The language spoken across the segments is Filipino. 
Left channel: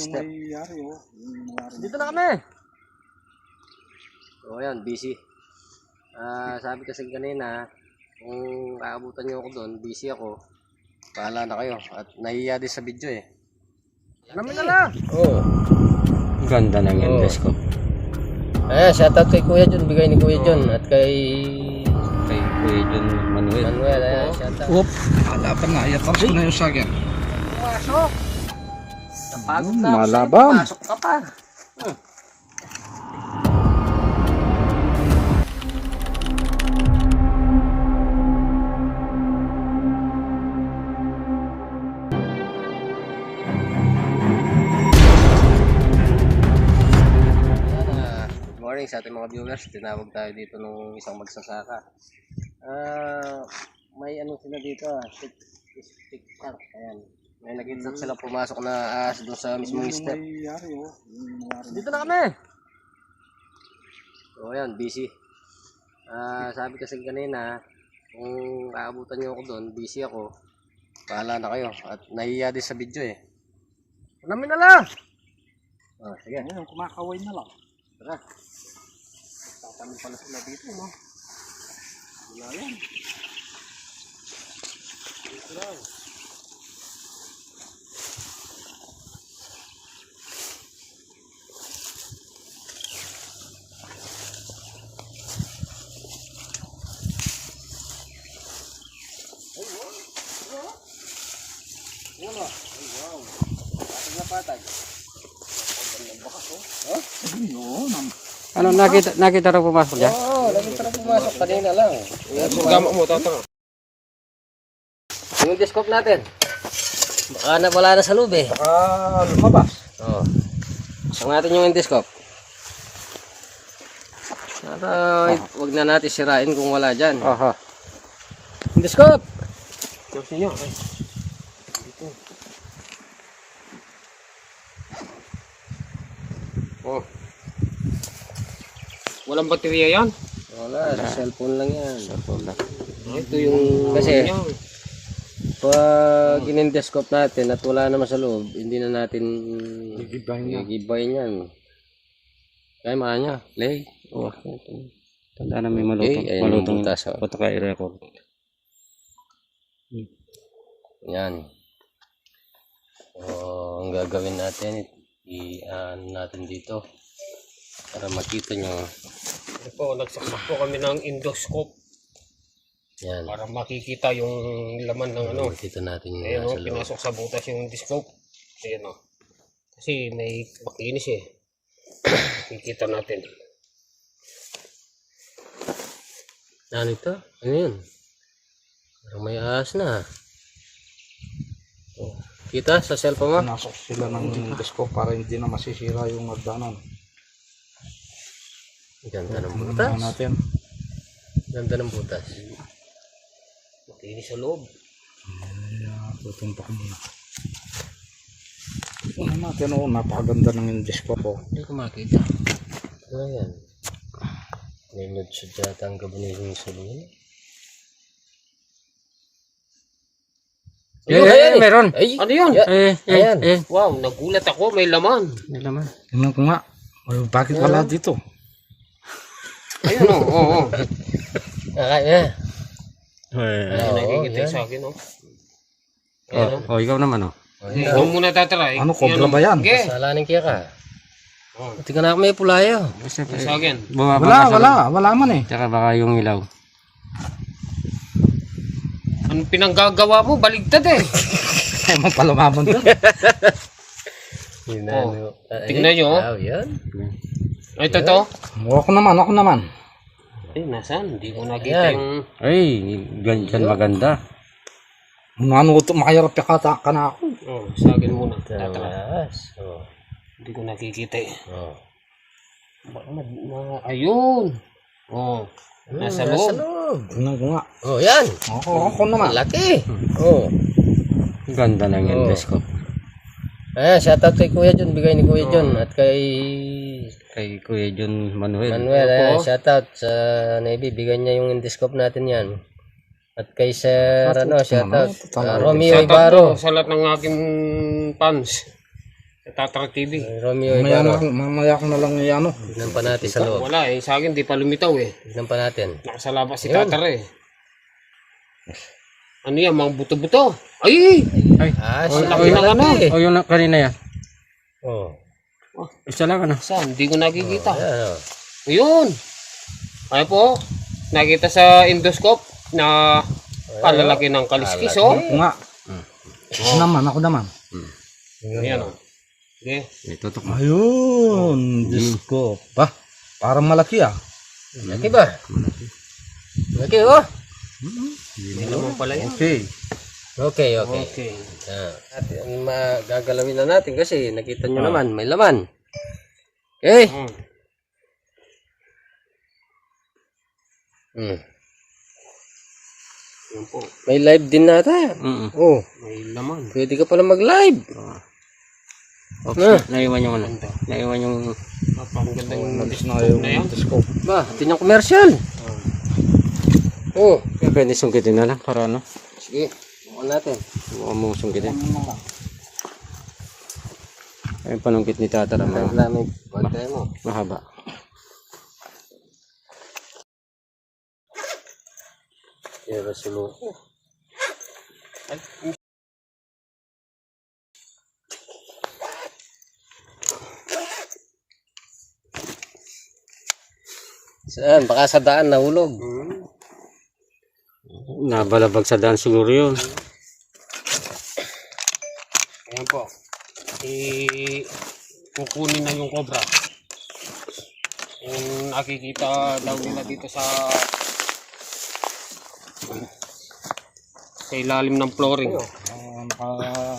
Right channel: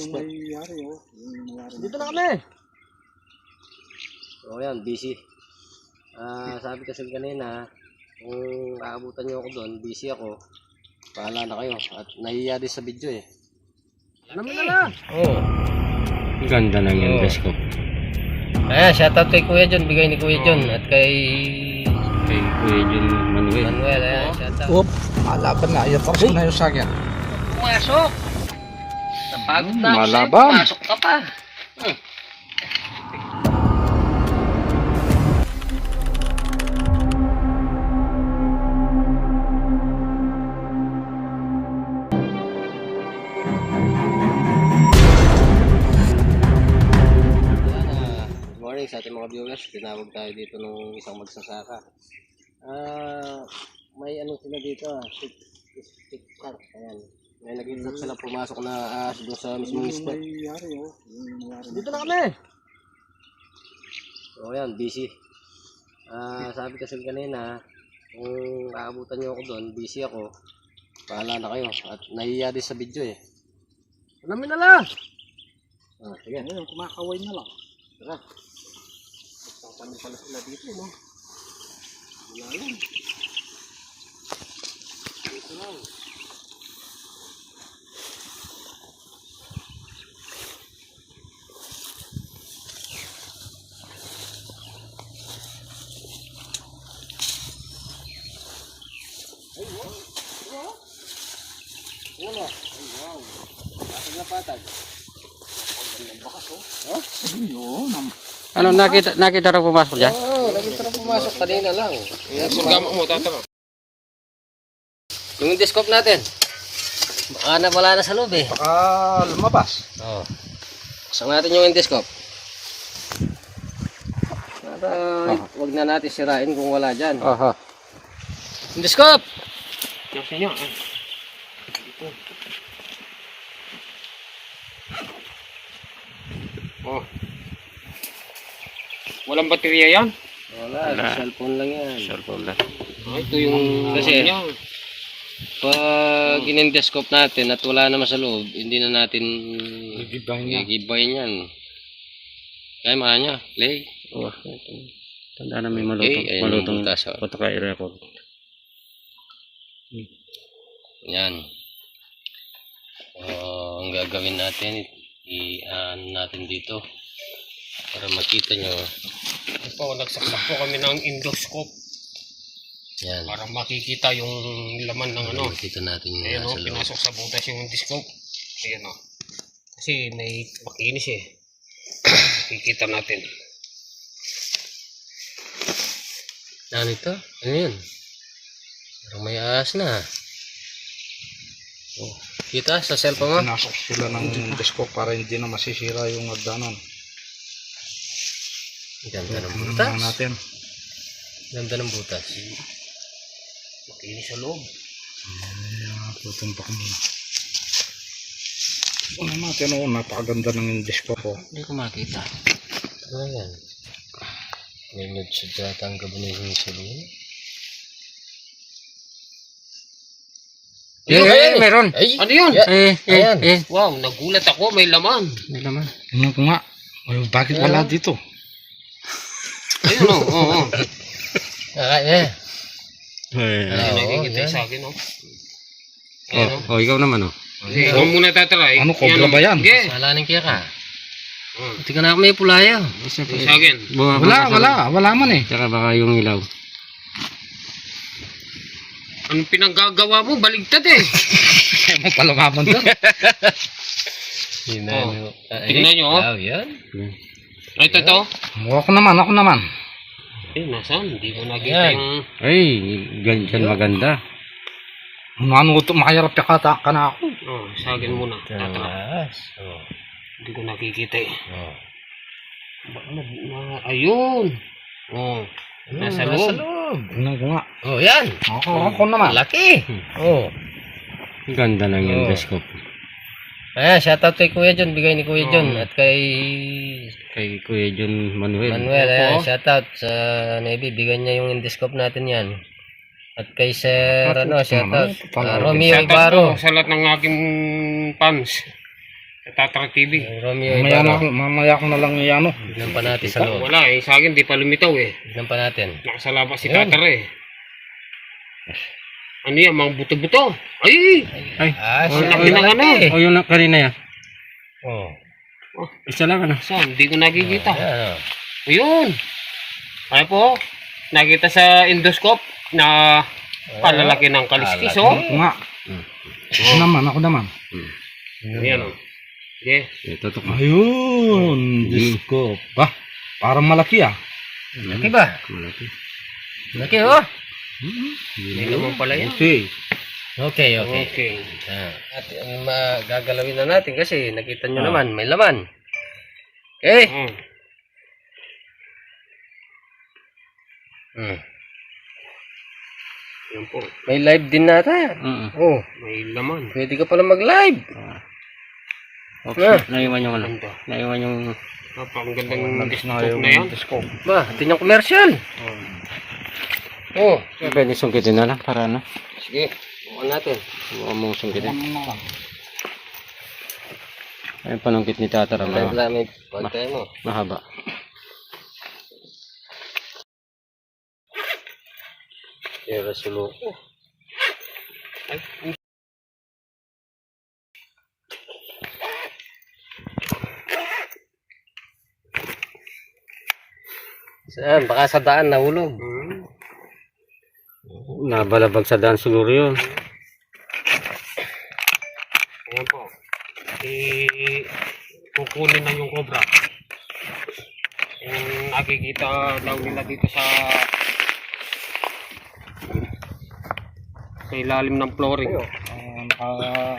step. Dito na kami. O yan, busy. Sabi kasi kanina, kung aabutan nyo ako doon, busy ako. Bahala na kayo. At nahiya din sa video eh. Namin na lang. Oo. Ganda ng endoscope. Shoutout kay Kuya John. Bigay ni Kuya John. At kay Kuya John Manuel. Shoutout. Alaban na. Iatras ko na yung sagyan. Pumasok. Napagod na ako sa'yo. Malaban. Pumasok ka pa. Sa ating mga viewers, tinawag tayo dito nung isang magsasaka. May ano sila dito, stick tank. Ayan. May nag-insert sila pumasok na ahas doon sa mismong step. Dito na kami. So ayan, busy. Sabi kasi kanina, kung aabutan nyo ako doon, busy ako. Bahala na kayo. At nahiya din sa video eh. Namin na lang. Sige. Ayun, kumakaway na lang. Tara. Tatanong pala sila dito, no? Wala yan. Dito lang. Ay, wow. Wala. Ay, wow. Patag na patag. Ang bakas, oh. Ayun, Ano, nakita rin pumasok dyan? Oo, nakita na pumasok kanina lang. Sugamo mo, tatama. Yung discope natin. Baka na wala na sa loob eh. Baka lumabas. Oo. Pasok natin yung endoscope. Pero wag na natin sirain kung wala dyan. Aha. Endoscope! Kasi nyo, Oh. Walang baterya yan? Wala, sa cellphone lang yan. Cellphone lang. Ito yung kasi pag in-endoscope natin at wala naman sa loob, hindi na natin gigibayin yan. Kaya makanya, play. Oh, tanda na may Okay, malutong butas, oh. photo ka i-record. Yan. Ang gagawin natin, i-ano natin dito para makita nyo. Ito, nagsaksak po kami ng endoscope Yan. para makikita yung laman ng ano. Makita natin yung Ayan o, nasa loob. pinasok sa butas yung endoscope. Ayan o. Kasi may makinis eh. Kikita natin. Ano ito? Ano yun? Parang may ahas na. Oh, kita sa cellphone mo? Pinasok sila ng endoscope para hindi na masisira yung agdanan. Ganda ng butas. Natin. Ganda ng butas. Makinis sa loob. Lutong pa ko muna. Una natin o, napakaganda ng endoscope o. Hindi ko makita. Ano yan? May medyo data ang gabanin yung sabihin. Meron. Ay! Ano yun? Ayan. Wow, nagulat ako, may laman. May laman. Tingnan ko nga. Bakit wala dito? Ayun o, oo. Kaya. Ayun, nakikita yan. sa akin o. Oh, ikaw naman oh. Ikaw muna tatry. Ano, cobra ba yan? Sige. Salanin kaya ka. Hindi ka na may pulayo. Sa akin. Wala man eh. Tsaka baka yung ilaw. Anong pinanggagawa mo? Baligtad eh. Magpalumabon to. Tingnan nyo. Yan. Ito to. Ako naman. Eh, nasaan? Hindi ko nakita Yan. yung... Ay, ganyan maganda. Ano ito, makayarap ka na ako. Oh, sa akin muna. Tatry. Taas. Oh. Hindi ko nakikita eh. Oh. Ayun. Oh. Nasa loob. Tingnan ko nga. Oh, yan. Ako naman. Laki. Oh. Ganda ng endoscope. Shoutout kay Kuya John. Bigay ni Kuya John. At kay Kuya John Manuel. shoutout sa Navy. Bigyan niya yung endoscope natin yan. At kay Sir, shoutout. Romeo Shoutout Ibarro. po sa lahat ng aking fans. Sa Tatra TV. Romeo Mamaya, Ibarra. mamaya ko na lang yan. Tignan pa natin sa loob. Wala eh, sa akin di pa lumitaw eh. Tignan pa natin. Nakasalabas si Tatra eh. Ano yan, mga buto-buto. Ay! Ay, Laki ng ano eh. o yung kanina yan. Oh. Isa lang ano. Saan? Hindi ko nakikita. Ayan, oh. Ayun! Ay po, nakita sa endoscope na palalaki ng kaliskis oh. Ako nga. Ako naman. Ayan oh. Sige. Tutok mo. Ayun. Diyos ko. Ba? Parang malaki ah. Laki ba? Laki oh. Hindi naman pala yan. Okay. Okay, okay. Okay. At magagalawin na natin kasi nakita nyo naman, may laman. Okay. Yan po. May live din natin. Oh, May laman. pwede ka pala mag-live. Okay. Naiwan yung ano. Naiwan yung... Napakagandang endoscope na yan. Ba, ito yung commercial. Oh, Pwede sungkitin na lang para ano. sige. Bukan natin. Huwag mong sungkitin. Ayun panungkit ni Tatara. May bantay mo. Mahaba. Sira suloko. Saan? Baka sa daan nahulog. Nabalabag sa daan siguro yun. Ayan po. Kukunin na yung cobra. Yung nakikita daw nila dito sa ilalim ng flooring.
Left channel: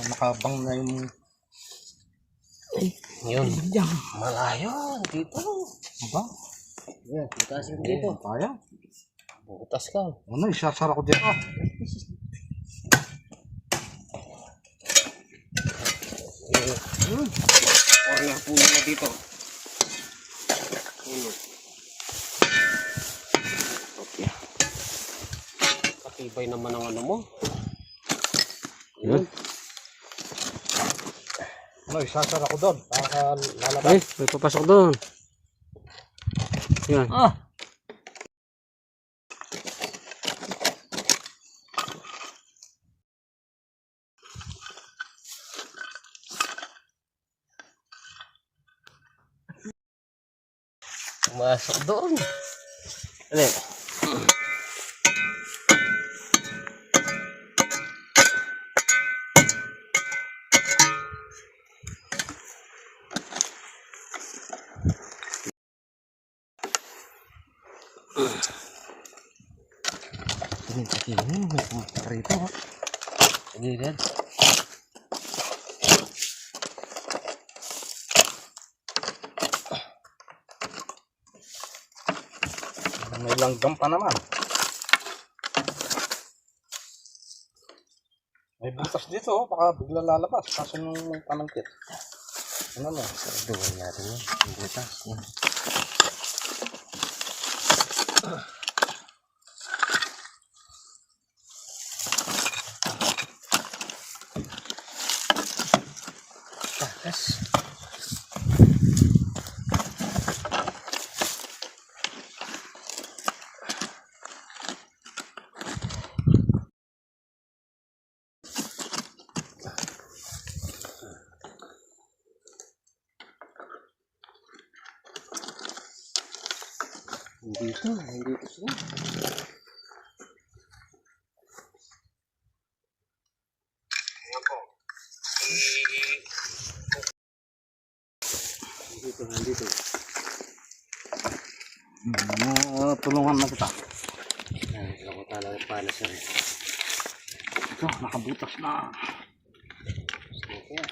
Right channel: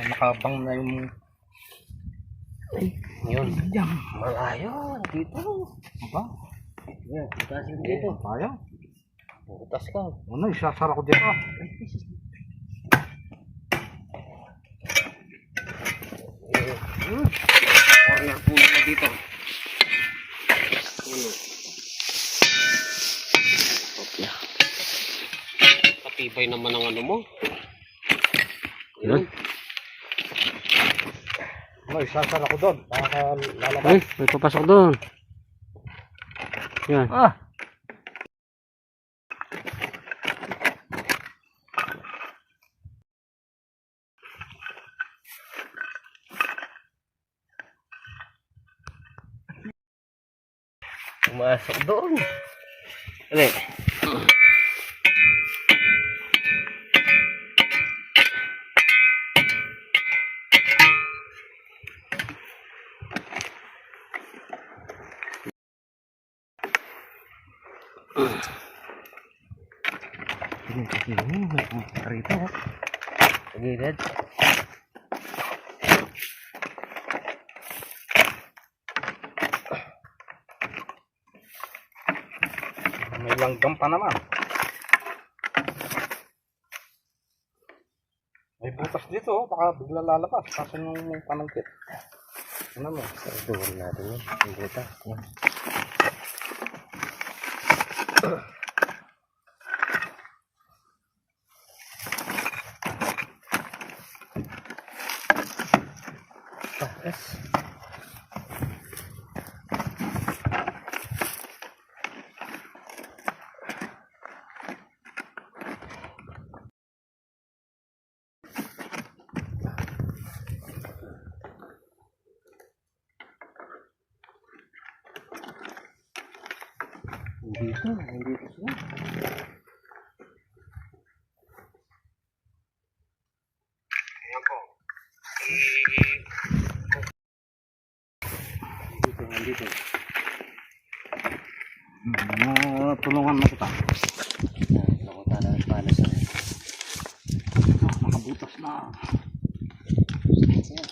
Nakabang na yung... Yun. Malayo. Dito. Ba? Yan. Butas yun dito. Kaya? Butas ka. Ano, isasara ko dito. Corner puno na dito. Puno. Patibay naman ang ano mo. Yun. Ano, isasara ko doon. Para lalabas. Ay, may papasok doon. Yan. Pumasok doon. Ano eh? Rito. Gilid. May langgam pa naman. May butas dito, oh. Baka bigla lalabas. Kaso nung may panangkit. Ano mo? Doon natin yun. Yung butas. Yan. Takas. Nandito sila. Ayan po. Nandito. Tulungan na kita. Nakutala ng panas na rin. Ito, nakabutas na. Siya.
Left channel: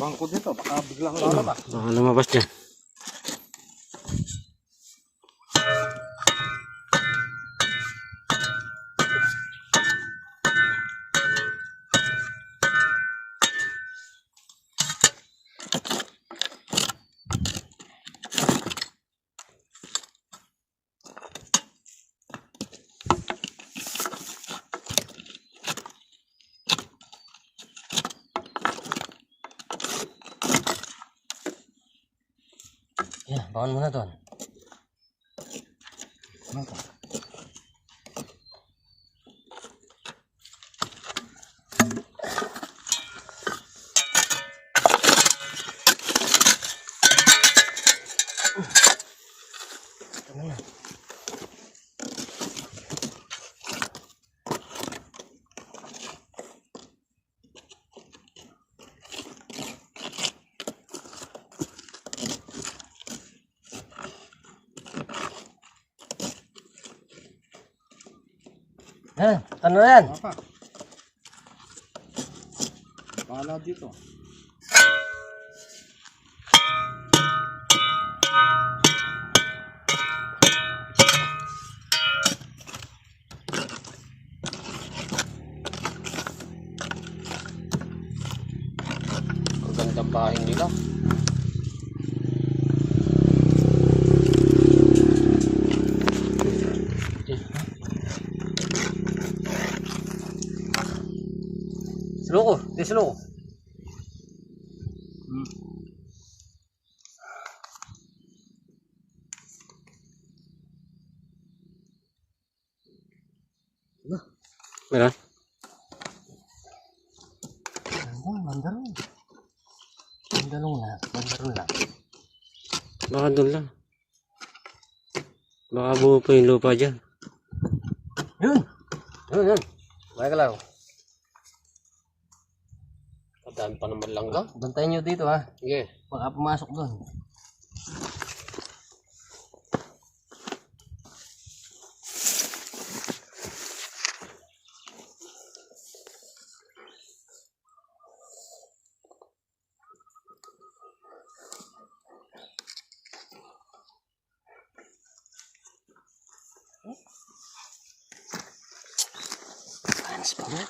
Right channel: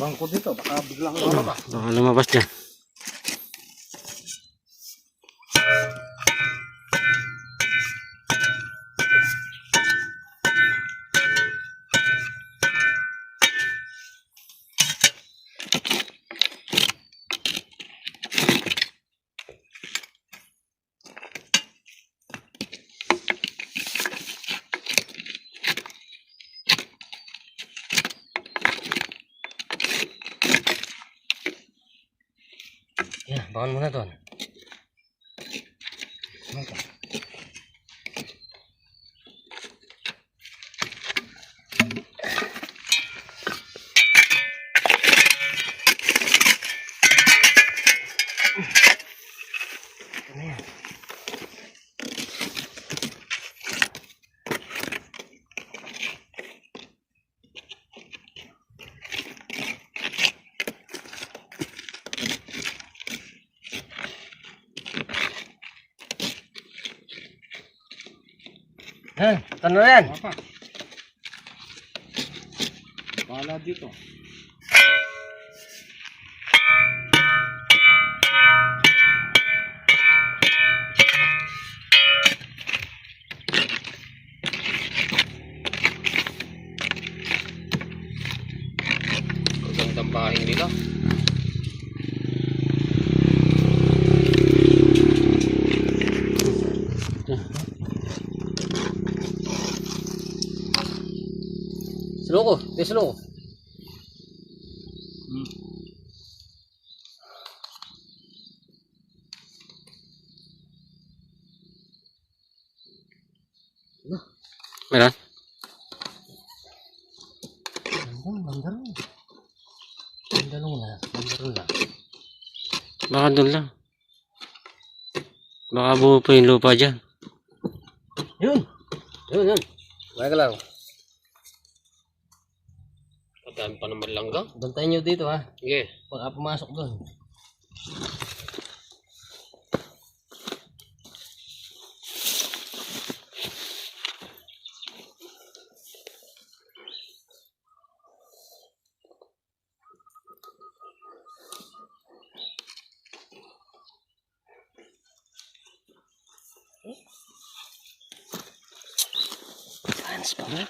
Bangko dito, baka biglang lalabas. Baka lumabas dyan. Yan, bangon muna doon. Ano ito? Ano yan? Ano na yan? Apa? Bahala dito. Ang gandang bahay nila. Suloko, di suloko. Meron? Mandarong. Mandarong na. Mandarong na. Baka doon lang. Baka buo pa yung lupa dyan. Yun. Yun. Baka ka lang. Kadaan pa naman langga. Bantayan nyo dito ha. Sige. Baka pumasok doon. Panas pa ba?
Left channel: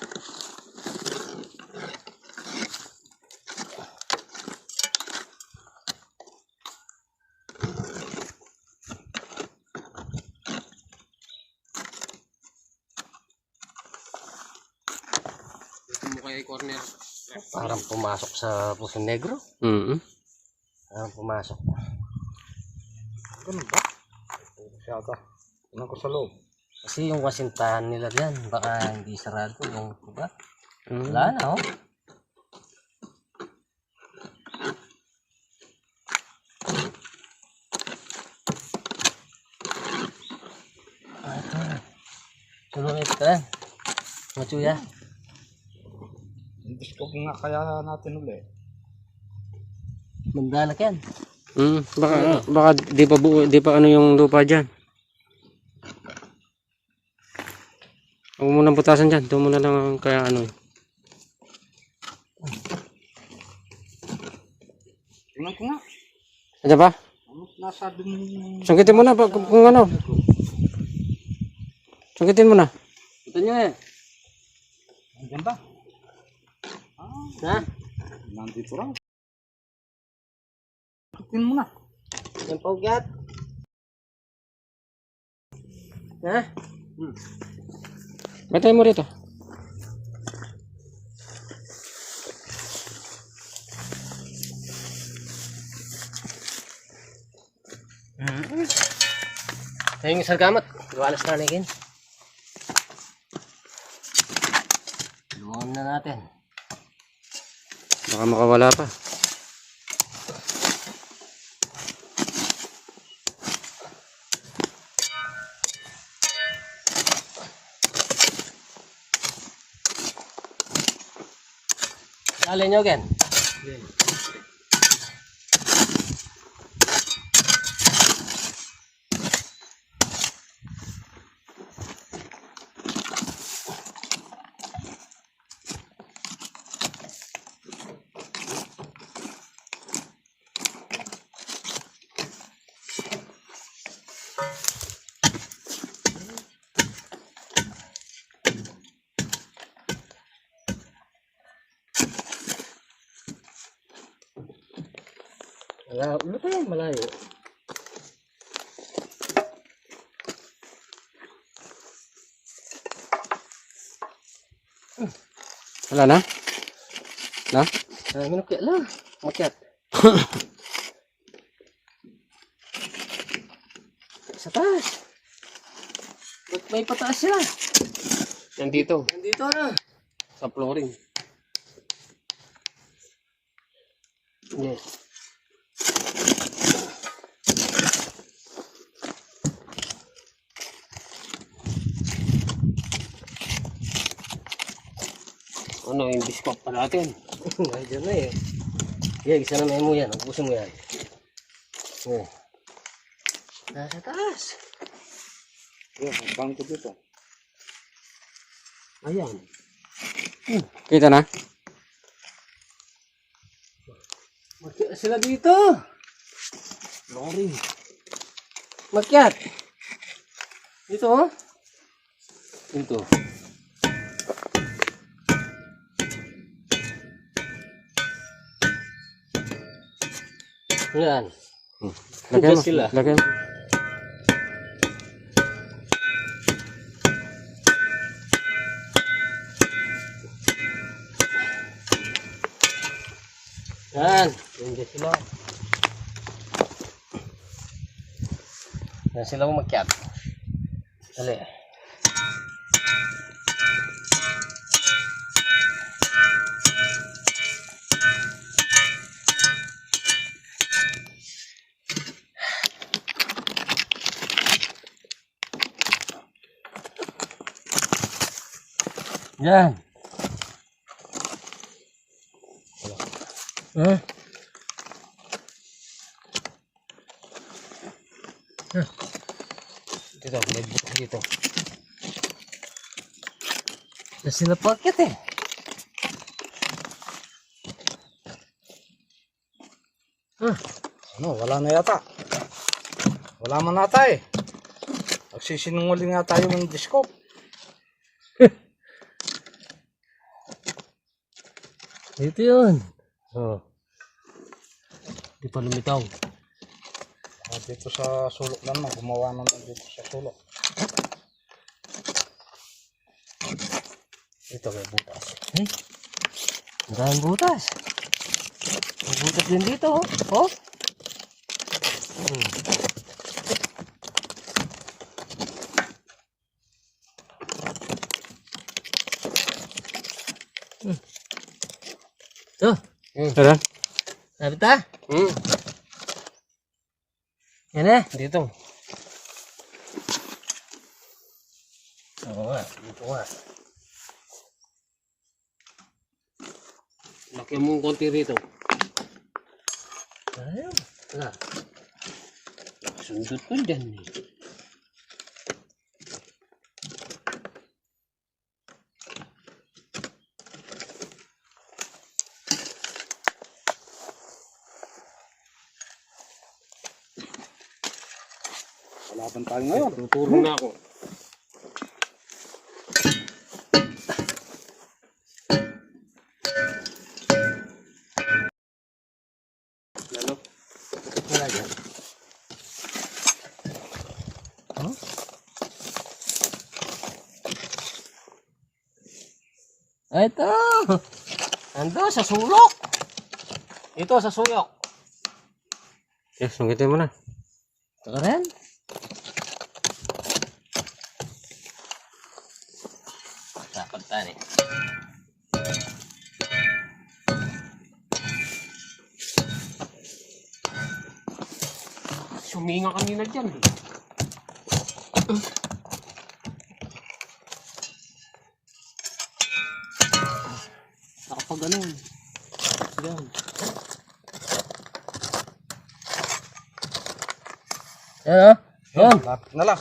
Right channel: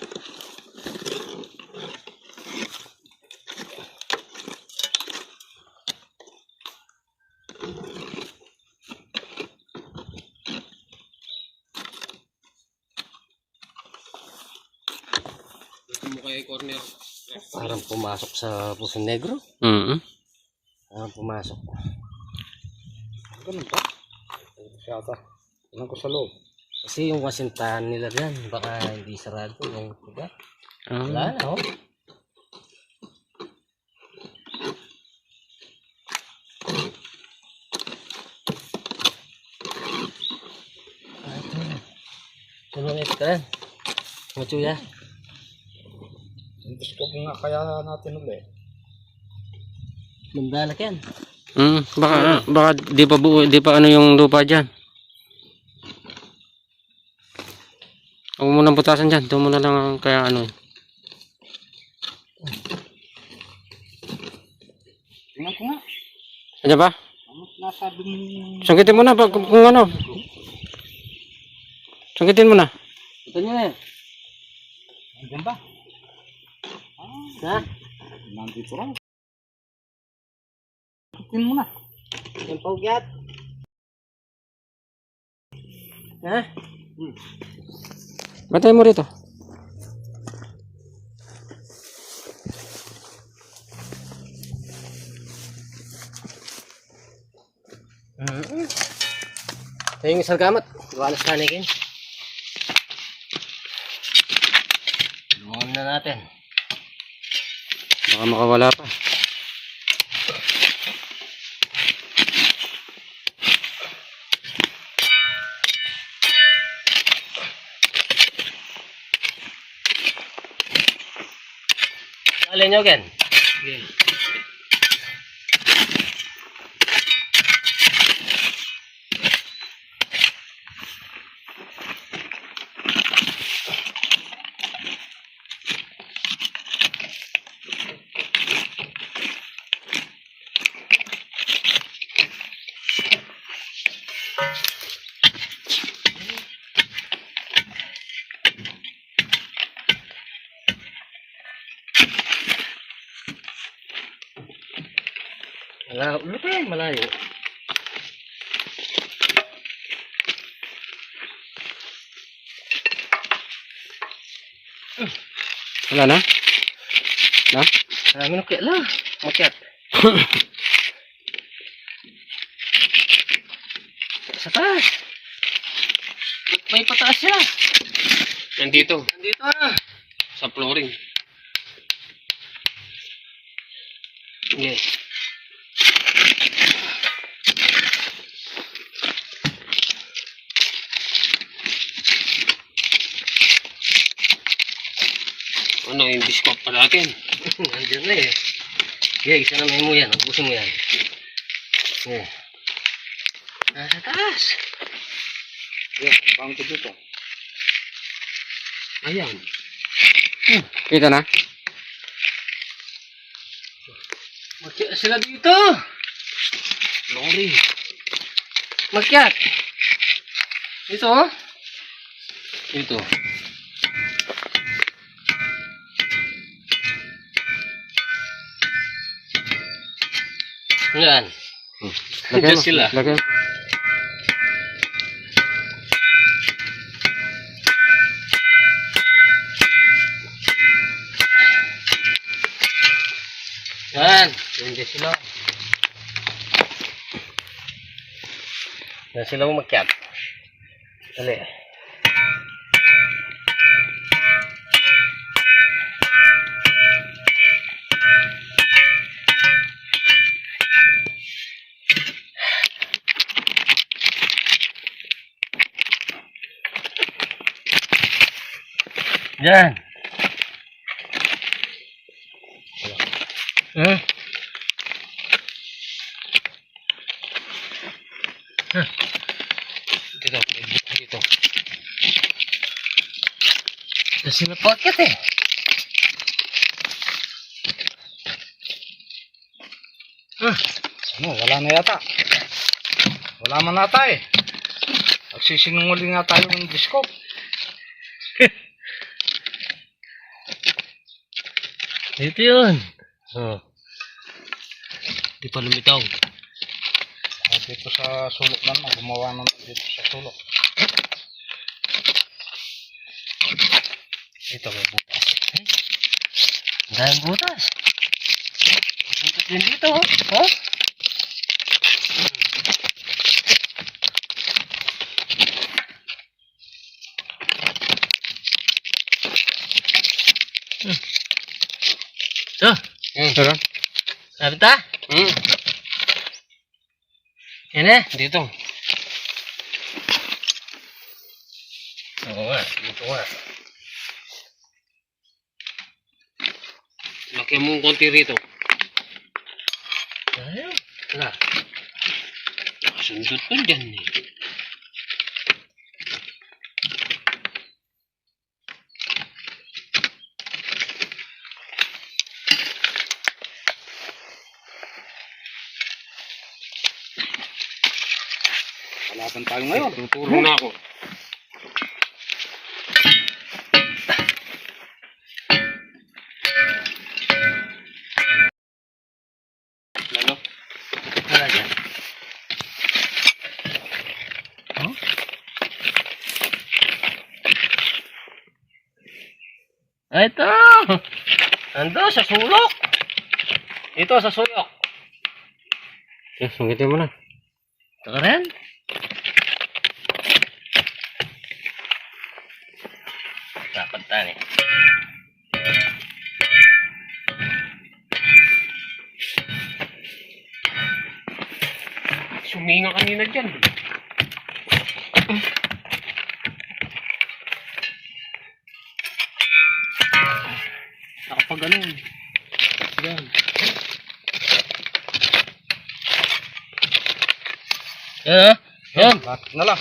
Dito mo kaya corner. Parang pumasok sa Puso Negro. Parang pumasok. Ganun ba? Siyata. Tingnan ko sa loob. Kasi yung kasintahan nila yan, baka hindi sarado yung iba. Ah. Wala na oh. Ito na. Tulong ito ka yan. Machuya. Endoscope nga kaya natin ulit. Mandalak yan. Baka di pa buo, di pa ano yung lupa dyan. Huwag mo nang putasan dyan. Doon mo na lang ang kaya ano eh. Tingnan ko nga. Andiyan ba? Ano nasabi ng... Sangkitin mo na kung ano. Sangkitin mo na. Ito nyo yan. Andiyan ba? Ha? Nandito raw. Tingnan mo na. Yung paugyat. Ha? Batay mo rito. Ito yung isang gamat. Iwalas na natin. Lumangan na natin. Baka makawala pa. Alin nyo again? Wala pa yan, malayo. Wala na? Na? Minukya lang. Makyat. Sa taas. Ba't may pataas siya? Nandito. Nandito na. Sa flooring. Okay. Ano yung discount pa natin? Nandiyan na eh. Okay, isa na mo yan. Ubusin mo yan. Okay. Nasa taas. Yeah, bangko dito. Ayan. Kita na? Makyat sila dito. Lori. Makyat. Dito oh. Ito. Yan. Lagyan mo. sila. Lagyan. Yan. Nandiyan sila. Yan sila umakyat. Dali. Yan. Dito, may bukas dito. Yan sila pakyat eh. Ano, wala na yata. Wala man nata eh. Nagsisinungaling nga tayo ng disco. Dito yun. Oh. Di pa lumitaw. Dito sa sulok lang mo, gumawa naman dito sa sulok. Ito may butas. Ang daming butas. May butas din dito oh. Oh. Ito. Tara. Sabi ta? Hmm. Yan eh. Dito. Oo nga. Dito nga. Laki mo konti rito. Ayun. Wala. Nakasundot ko dyan eh. Kalaban tayo ngayon. Tutulong na ako. Lalo. Wala dyan. Oh? Ito! Ando sa sulok! Ito sa sulok. Okay, sungkitin mo na. Ito ka rin? Dapat tani. Suminga kanina dyan. Nakapag ano. Yan. Yan ah. Yan. Lapit na lang.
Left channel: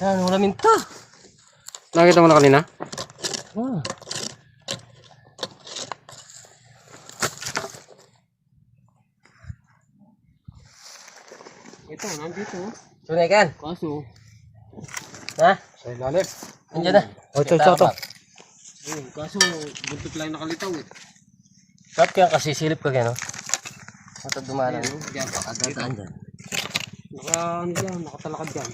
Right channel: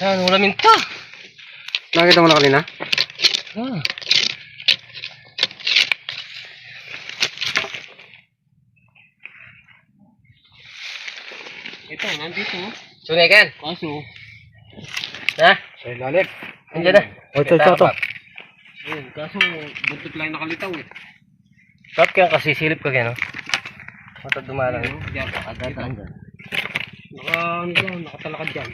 Yan, wala minta. Nakita mo na kanina? Ah. Ito, nandito. Sunikan. Kaso, Ha? Sa ilalim. Andiyan na. Ito. yun, kaso, buntot lang nakalitaw eh. Stop kaya kasi silip ka gano'n. Mata dumalang. Ayun, dyan. Kadadaan dyan. Ano dyan, nakatalakad dyan.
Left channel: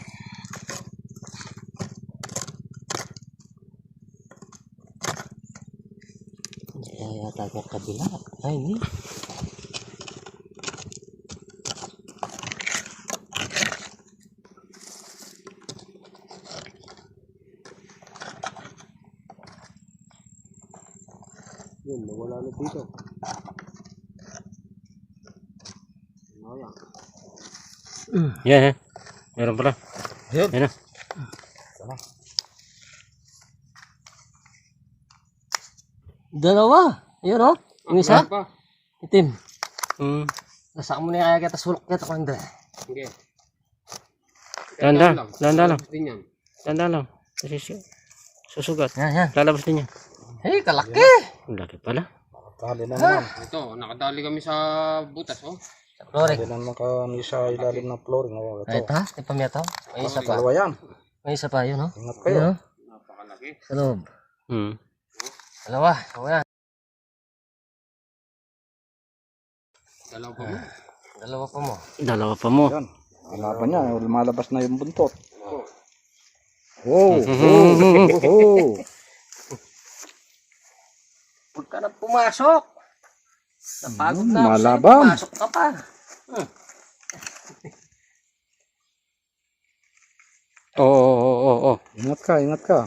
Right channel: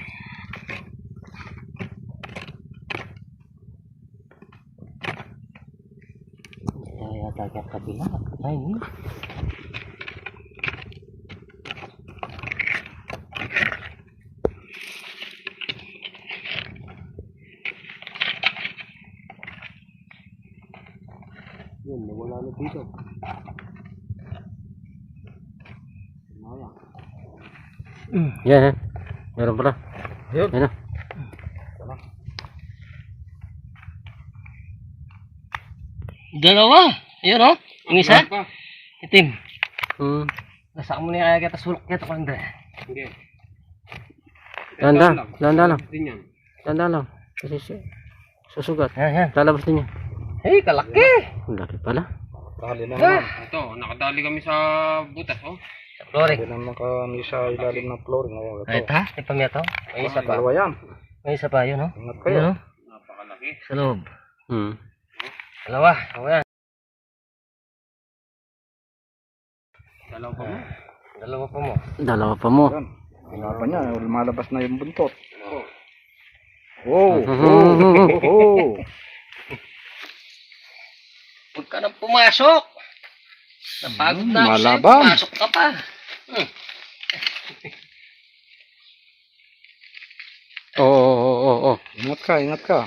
yata kaya kabila. Ay, hindi. Yun, nawala na dito. Yan, yan. Meron pala. Yun. Yan na. Dalawa. Ayun o. Yung isa. Meron pa. Itim. Hmm. Nasa mo na kaya kita sulok kita kanda. Hindi. Dahan-dahan. Dahan-dahan lang. Din yan. Dahan-dahan lang. Kasi susugat. Yan, yan. Lalabas din yan. Hey, kalaki. Ang laki pala. Kali na naman. Ito, nakadali kami sa butas, oh. Flooring. Kali naman kami sa ilalim ng flooring. Oh, Ay, ito. ta. Ipam yato. May isa pa. Dalawa yan. May isa pa yun, oh. Ingat Yun, kayo. oh. Napakalaki. Sa loob. Hmm. Dalawa. O yan. Dalaw pa mo. Dalawa pa mo. Dalawa pa mo. Yan. Kinaban niya. Lumalabas na yung buntot. Oh. Huwag ka nang pumasok. Napagod na ako sa'yo. Malaban. Pumasok ka pa. Oo. Ingat ka, ingat ka.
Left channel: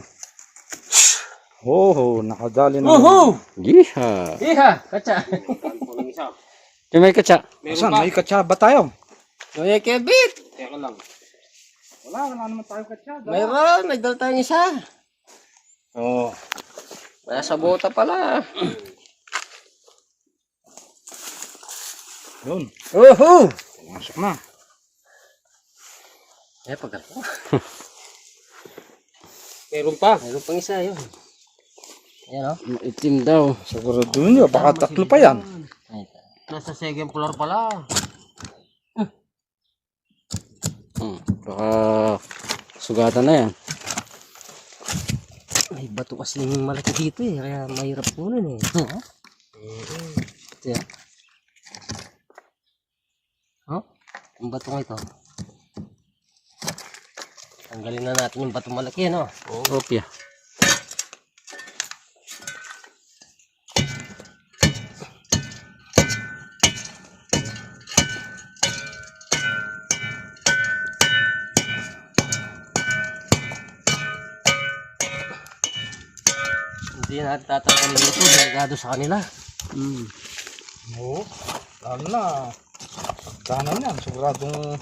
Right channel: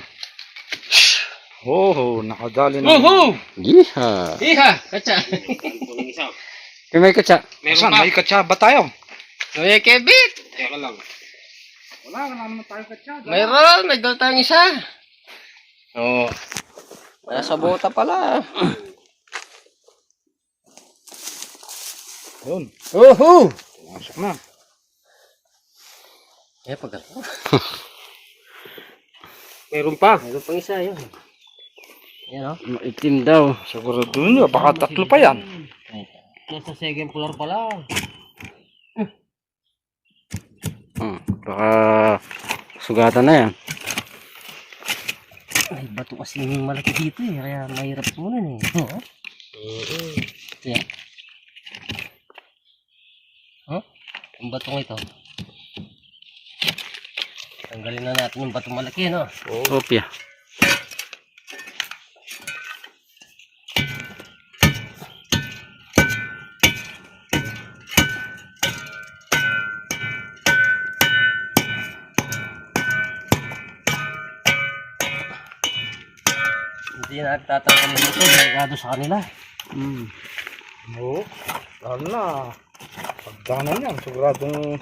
Oh, nakadali na. Woohoo! Yeeha. Iha! Katsa. Kalpo ng isa. Yung may katsa. Meron Saan? pa. May katsaba tayo. Kuya Kebit. Teka lang. Wala naman tayo katsaba. Mayroon. May dal tayong isa. Oo. Nasa bota pala. Yun. Woohoo! Masok na. Eh, pag ako. Meron pa. Mayroon pang isa yun. Yan, oh. Maitim daw. Siguro doon nyo. Baka tatlo pa yan. Nasa second floor pala. Baka sugatan na yan. May bato kasi malaki dito eh. Kaya mahirap kunin eh. Oo. Ito yan. Oh, yung batong ito. Tanggalin na natin yung batong malaki, no? Opya. Hindi na tatanggalin ito. Delikado sa kanila. Hmm. Oo. Lalo na. Pagdanan yan. Siguradong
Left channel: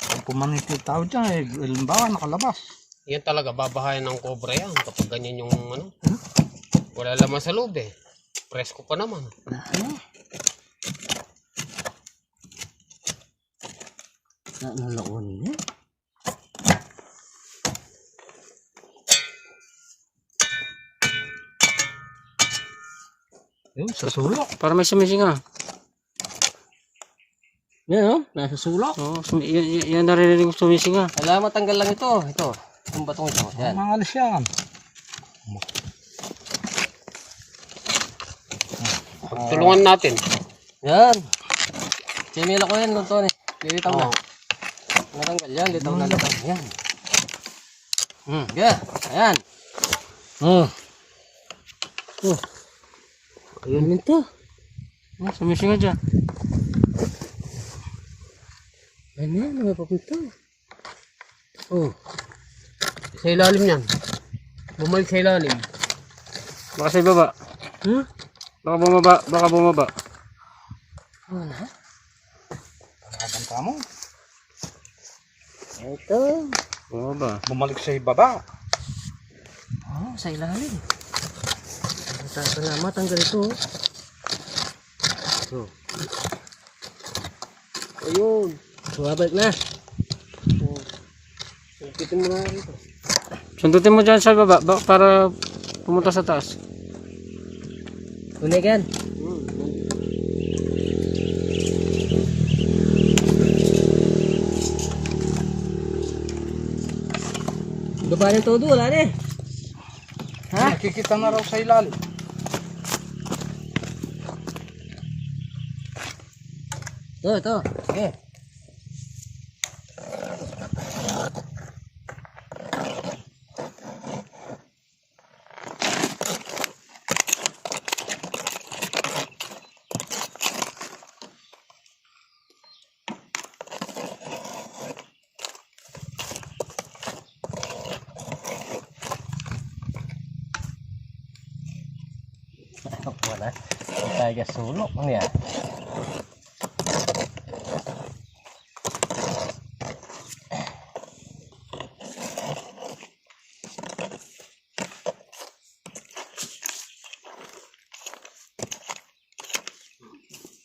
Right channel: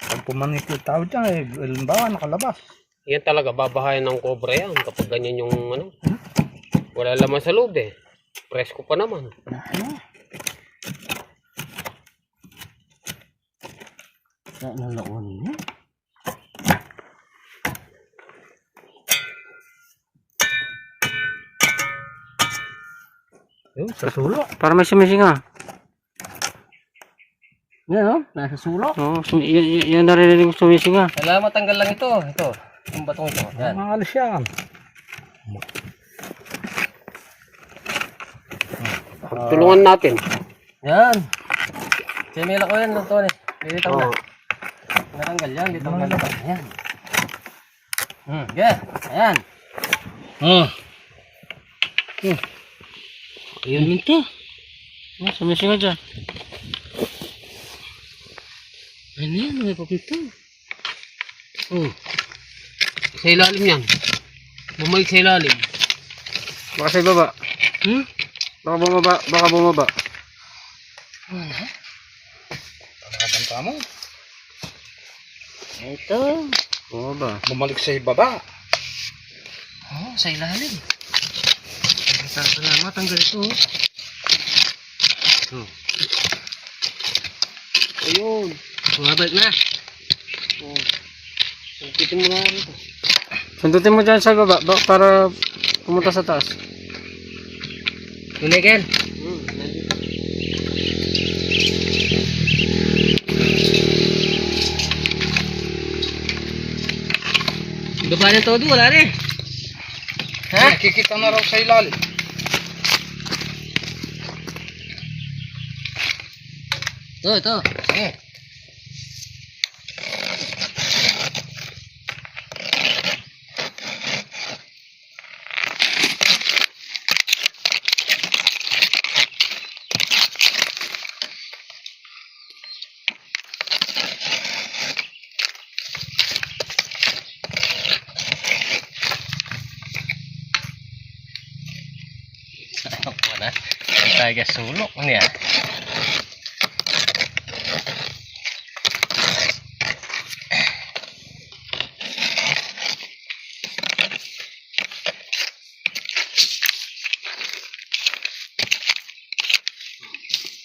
pag pumanit yung tao dyan eh. Halimbawa nakalabas. Yan talaga, babahayan ng cobra yan kapag ganyan yung ano. Wala laman sa loob eh. Presko pa naman. Ano laon niya? Yun, sa sulok. Para may sumisinga. Yan, oh. Nasa sulok. Oo, yan narinig ko sumisinga. Kailangan matanggal lang ito. Ito. Yung batong ito. Yan. Nangalis yan. Pagtulungan natin. Yan. Simila ko yan, Tony. Lilitaw na. Natanggal yan. Litaw na litaw. Yan. Yeah. Ayan. Ayun minto. Sumisinga dyan. Ano yan? May papito. Oh. Sa ilalim yan. Bumalik sa ilalim. Baka sa ibaba. Baka bumaba. Baka bumaba. Nakabanta mo. Ito. Bumaba. Bumalik sa ibaba. Oh, sa ilalim. Salamat. Tanggal ito. Oh. Ayun. Bumabalik na. Pitin mo na rito. Sundutin mo dyan sa baba para pumunta sa taas. Tuligan. Baba na todo. Wala rin. Ha? Nakikita na raw sa ilalim. Ito. Sige. Ako na. Ang taga sulok niya.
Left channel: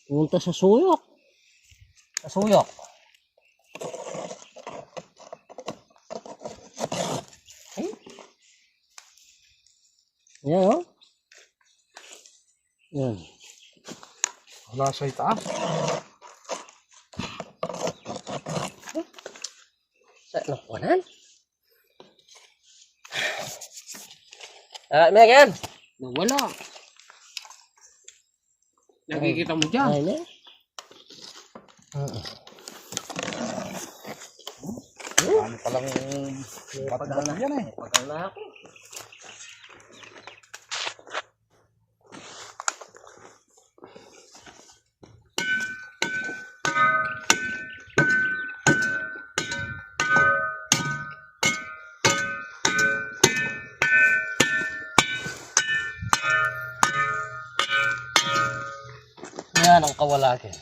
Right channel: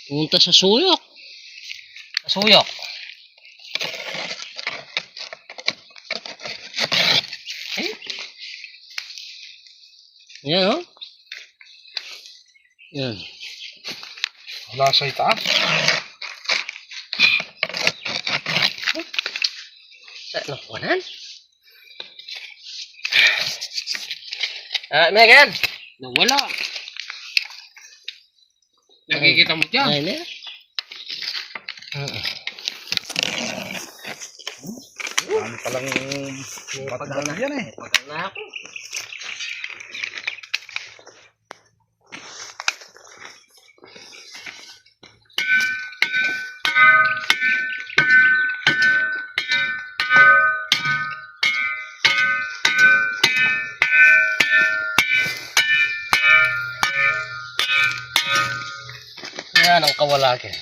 Punta sa suyok. Suyok. Yan, oh. Yan. Wala sa itaas. Sa nakunan? Megan! Nawala. Nakikita mo dyan. Ay, na. Ano palang pataglan yan eh. Pagkal na ako. Yan ang kawalakin.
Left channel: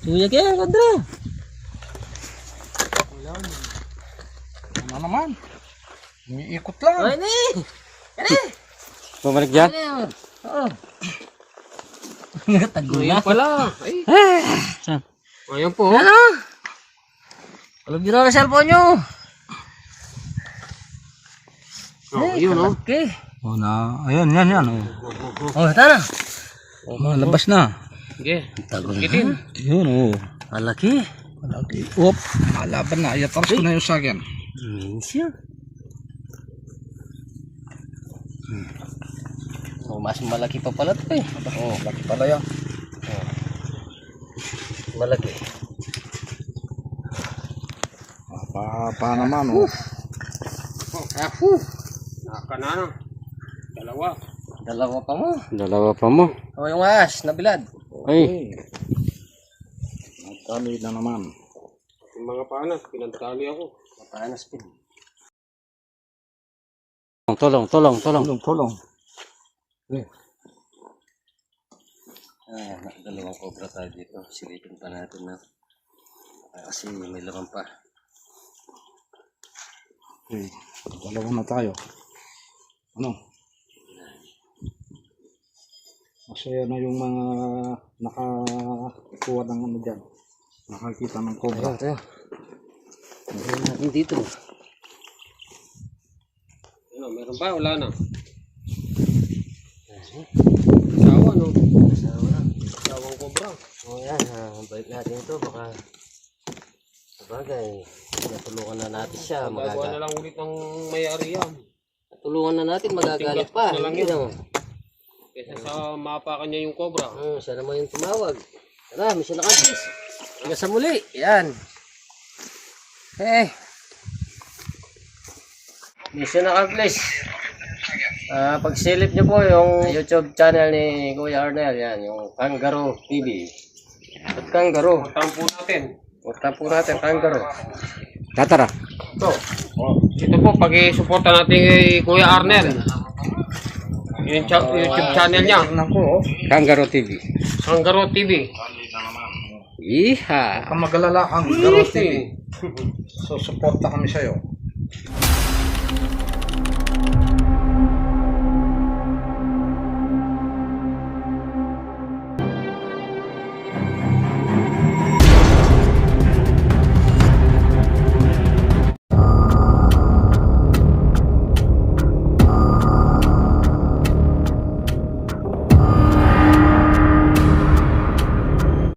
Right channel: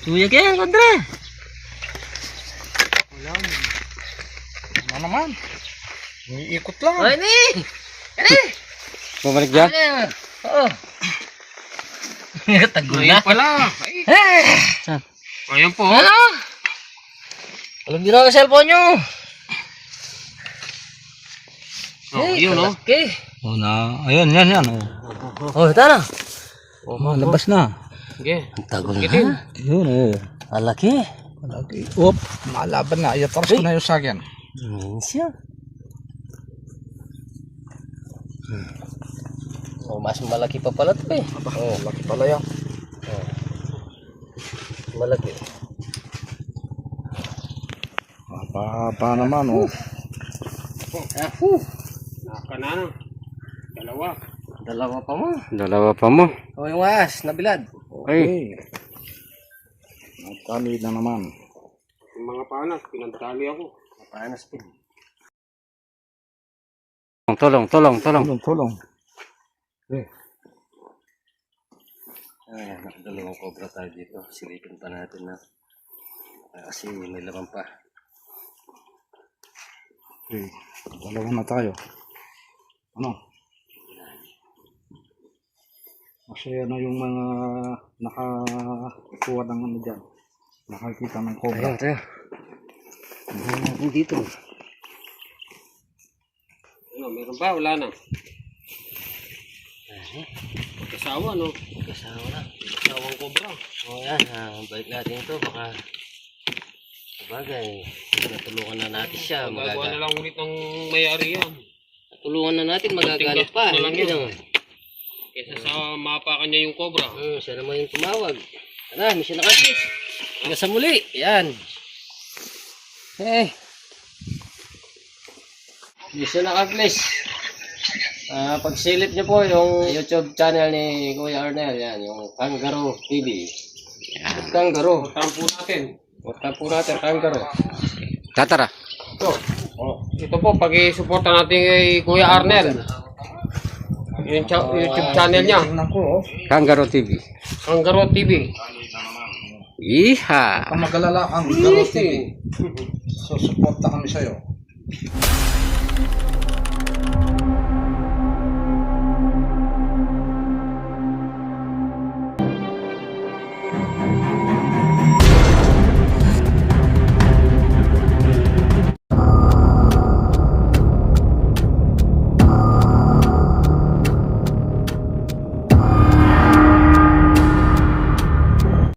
Tuyag yan, Andre. Ano naman? Iikot lang. Ay, ni! Ani! Bumalik dyan? Oo. Tago Ayan na. pala. Ay, Saan? ayan po. Ano? Alam nyo na ang cellphone nyo. Oh, yun, oh. Okay. Oh, na. Ayun, yan. Oh. Oh, tara. Labas na. Sige. Tago Gitin. Yun, oh. Malaki. Malaki. Op. Malaban na. Iatras ko na yung sagyan. Siya. Oh, mas malaki pa pala ito eh. Oh, laki pala yan. Malaki. Pa naman, oh. Naka na. Dalawa. Dalawa pa mo. Dalawa pa mo. Oh, yung ahas, nabilad. Ay. Tali na naman. Yung mga panas, pinagtali ako. Panas pin. Tulong. Tulong. Ayan, dalawang cobra tayo dito. Silipin pa natin na. Kasi may laman pa. Okay. Dalawa na tayo. Ano? Masaya na yung mga nakakuha ng ano dyan. Nakakita ng cobra. Ayun, tayo. Dito. Ano, meron ba? Wala na. Asawa, no? Kasama na. Asawang kobra. O yan, balik natin ito. Baka sabagay, natulungan na natin siya. Gagawa na lang ulit ng may-ari yan. Natulungan na natin, magagalit pa. Na lang Hindi yan. naman. Kesa sa mapakan niya yung kobra. Siya naman yung tumawag. Tara, mission accomplished. Hanggang sa muli. Yan. Mission accomplished. Pagsilip niyo po yung YouTube channel ni Kuya Arnel. Yan, yung Kangaroo TV. At Kangaroo. Tampo natin. Magtapo natin, Kangaroo. Tatara. Ito. Ito po, pag-i-supporta natin kay Kuya Arnel. Yung YouTube channel niya. Tingnan ko, oh. Kangaroo TV. Kangaroo TV. Iha. Ang magalala ang Garo TV. So, suporta kami sa'yo.